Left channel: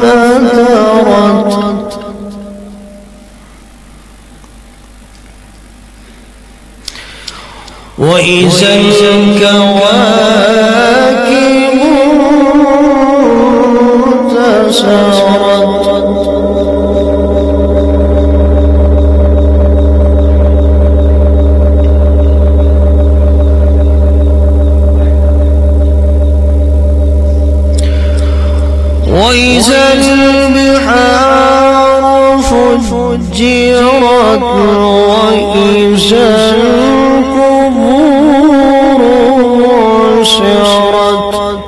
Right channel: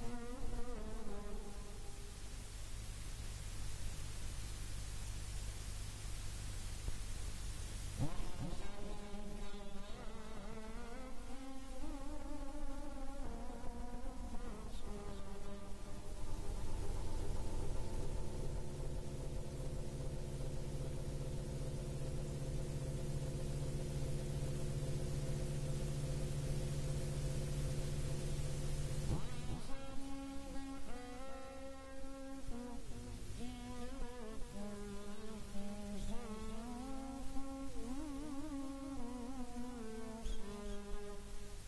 فترت وإذا الكواكب انتثرت وإذا البحار فجرت وإذا القبور بعثرت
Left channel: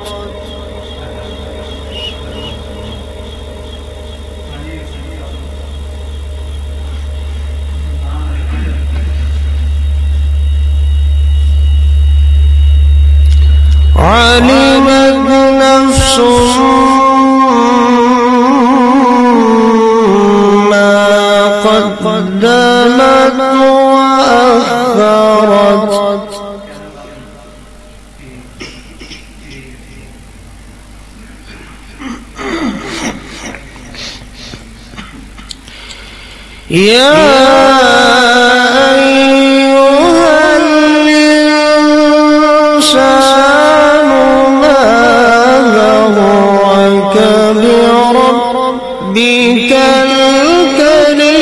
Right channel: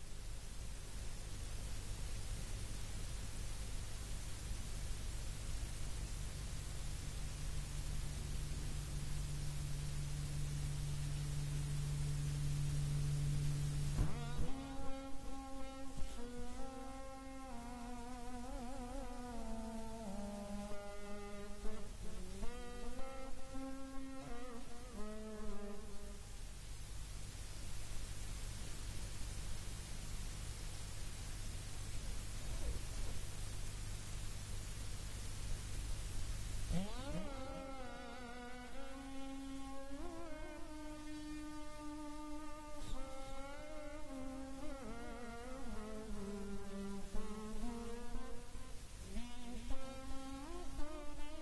علمت نفس قدمت وأخرت يا أيها الإنسان ما غرك بربك الكريم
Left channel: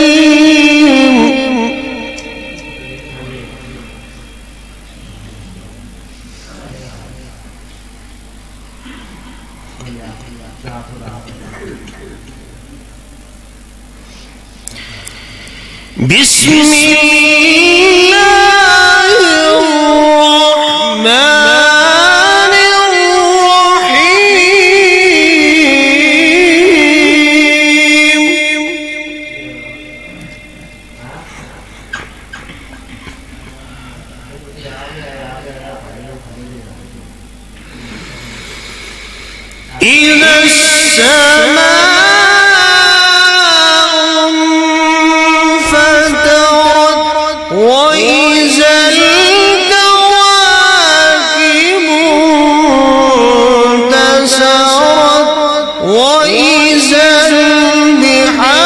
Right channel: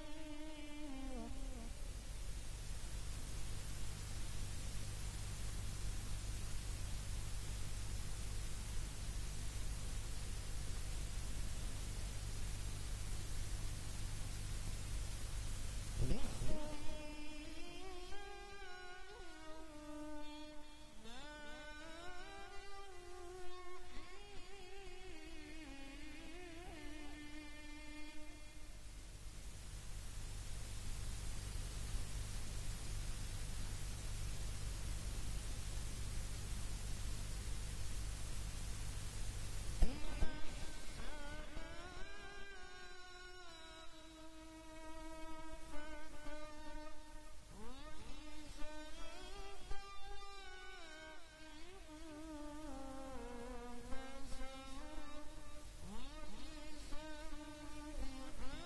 بسم الله الرحمن الرحيم إذا السماء وإذا الكواكب انتثرت وإذا البحار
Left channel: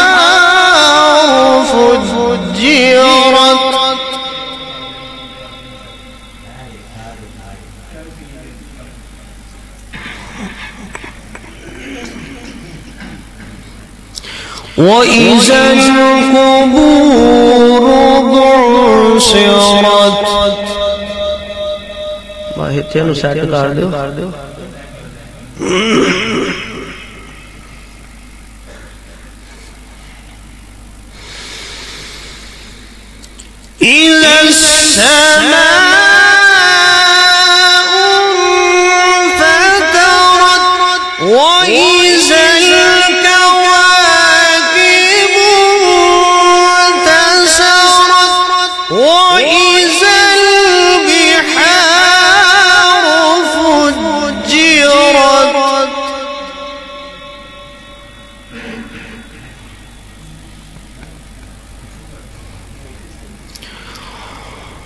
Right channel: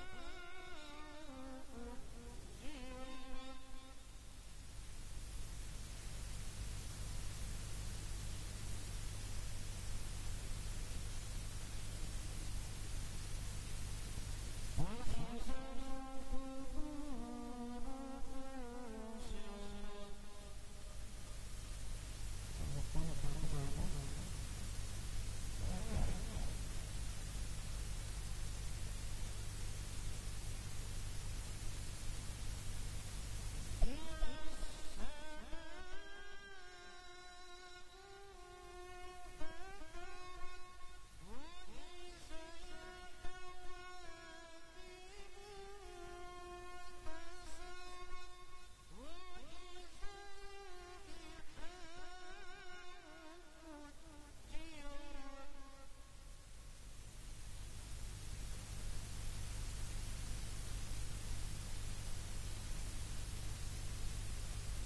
فجرت وإذا القبور بعثرت माहिर थे अनुसार कर दो إلى السماء انفطرت وإذا الكواكب انتثرت وإذا البحار فجرت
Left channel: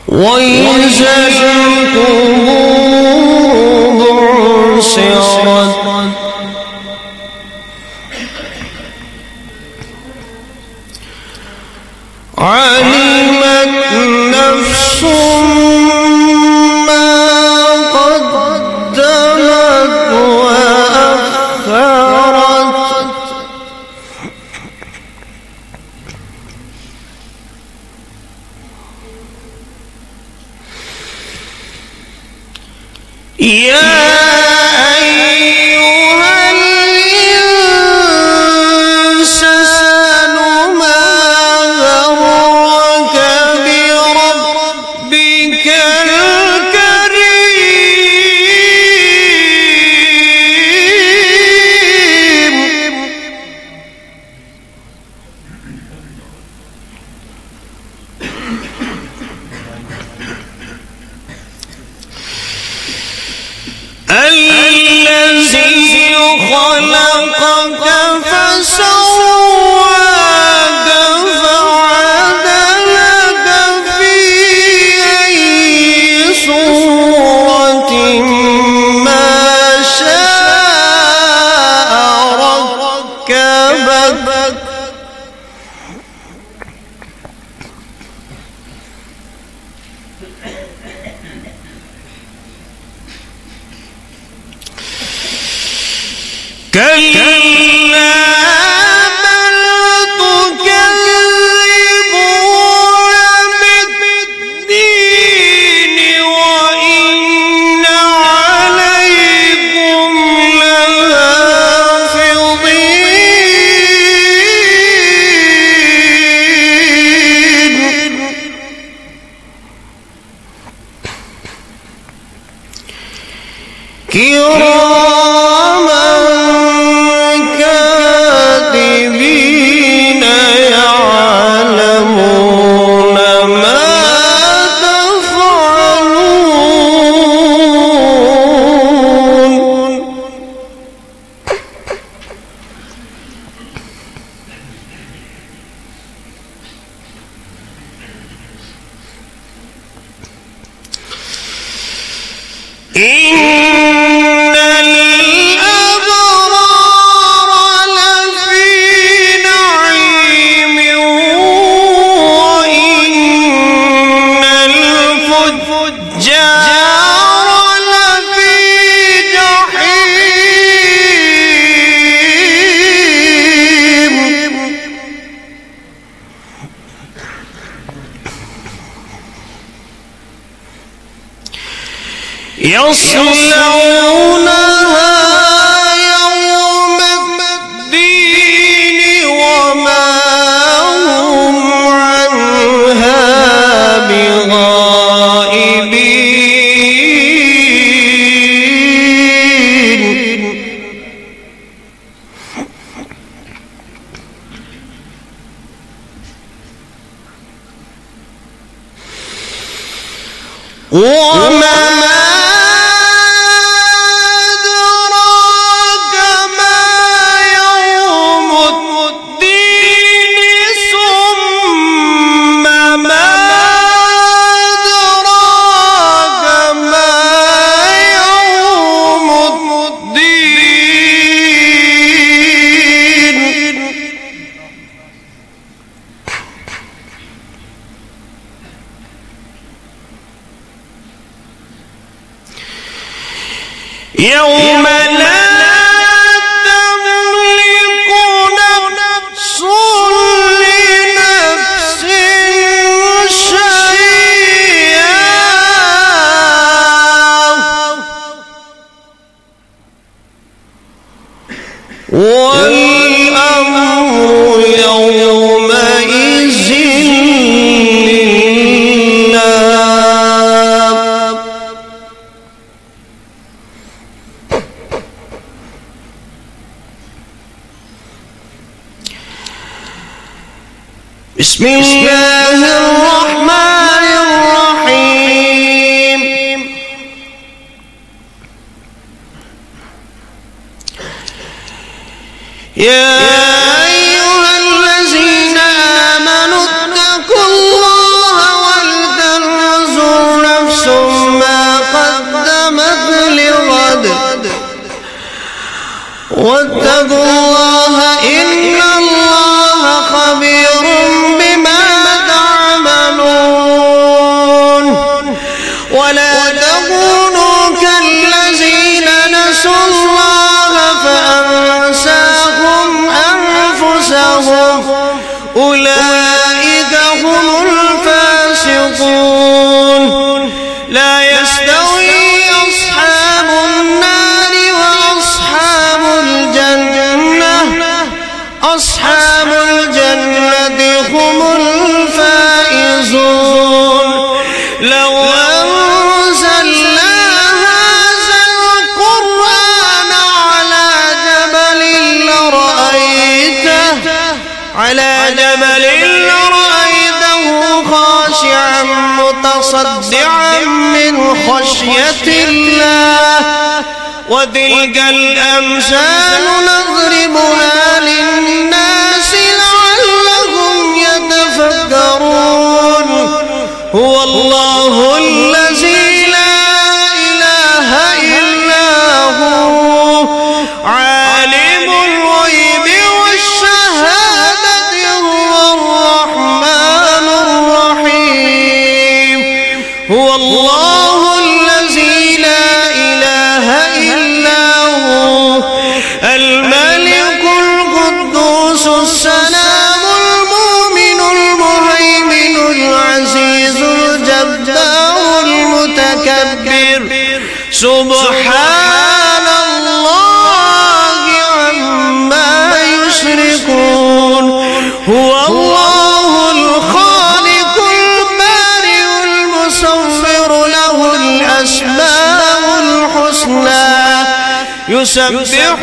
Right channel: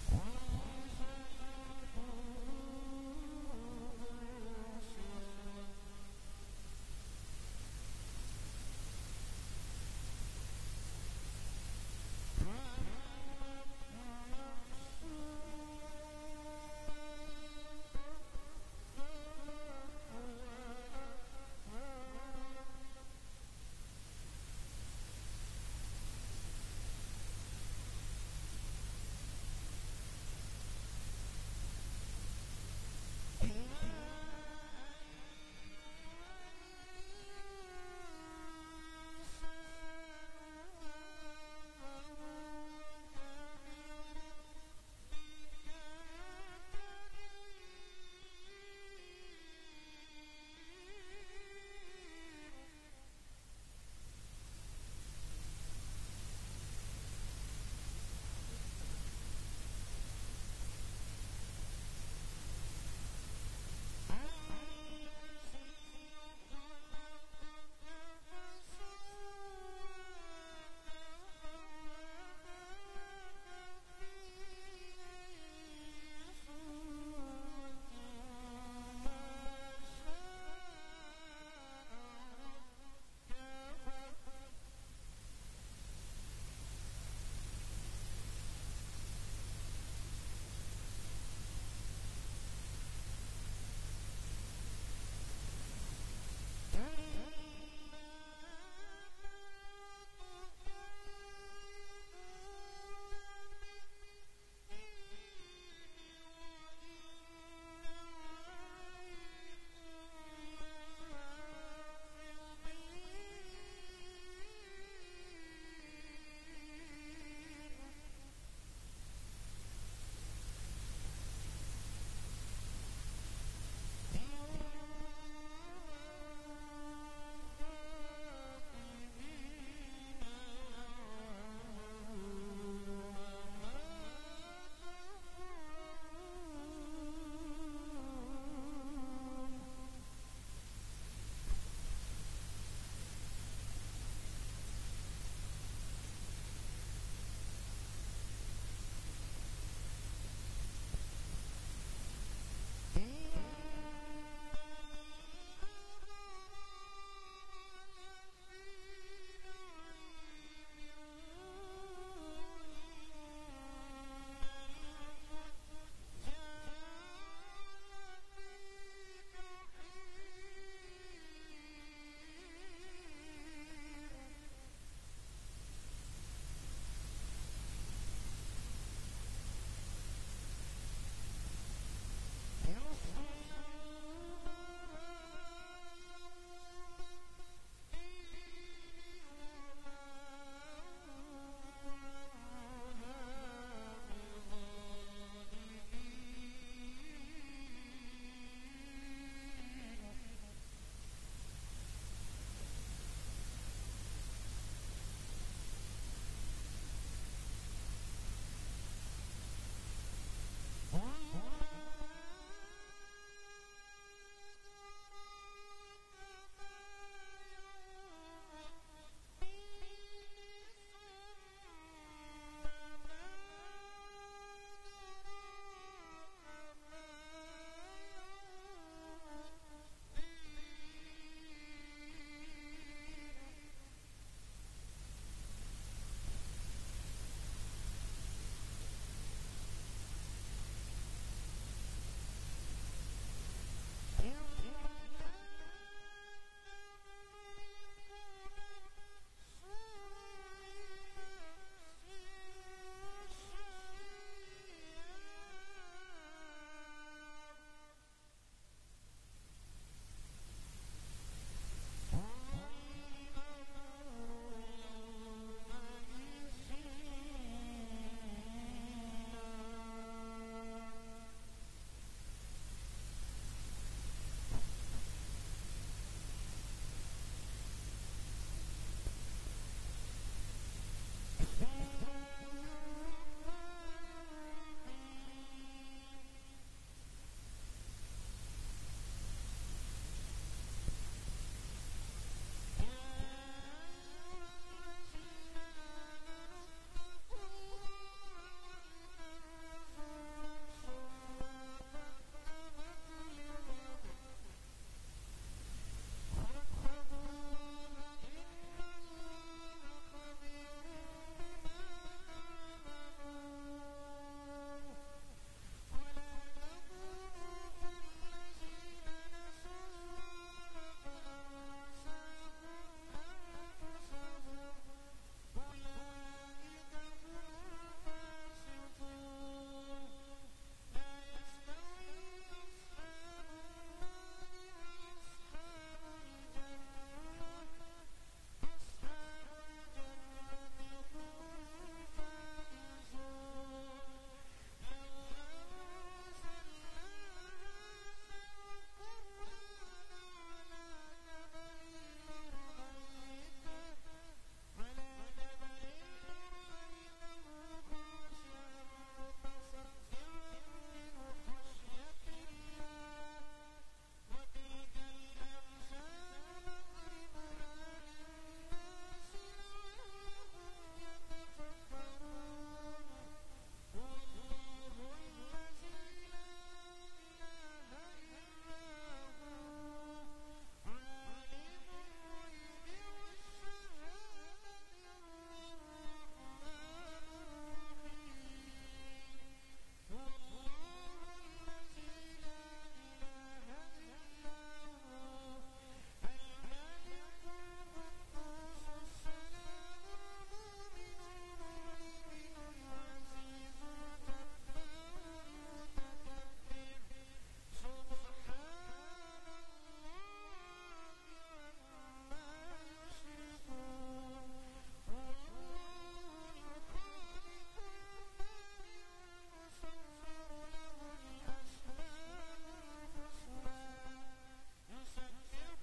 وإذا القبور بعثرت علمت نفس ما قدمت وأخرت يا أيها الإنسان ما غرك بربك كلا بل تكذبون بالدين وإن عليكم لحافظين كراما كاتبين يعلمون ما تفعلون إن الأبرار لفي نعيم وإن الفجار لفي جحيم يصلونها يوم الدين وما هم عنها بغائبين وما أدراك ما يوم الدين ثم ما أدراك ما يوم الدين يوم لا تملك نفس لنفس شيئا والأمر يومئذ لله بسم الله الرحمن الرحيم يا أيها الذين آمنوا اتقوا الله ولتنظر نفس ما قدمت لغد واتقوا الله إن الله خبير بما تعملون ولا تكونوا كالذين نسوا الله فأنساهم أنفسهم أولئك هم الفاسقون لا يستوي أصحاب النار وأصحاب الجنة أصحاب الجنة هم الفائزون لو أنزلنا هذا القرآن لرأيته خاشعا متصدعا من خشية الله وتلك الأمثال نضربها للناس لعلهم يتفكرون هو الله الذي لا إله إلا هو عالم الغيب والشهادة هو الرحمن الرحيم هو الله الذي لا إله إلا هو الملك القدوس السلام المؤمن المهيمن العزيز الجبار المتكبر سبحان الله عما يشركون هو الله الخالق البارئ المصور له الأسماء الحسنى يسبح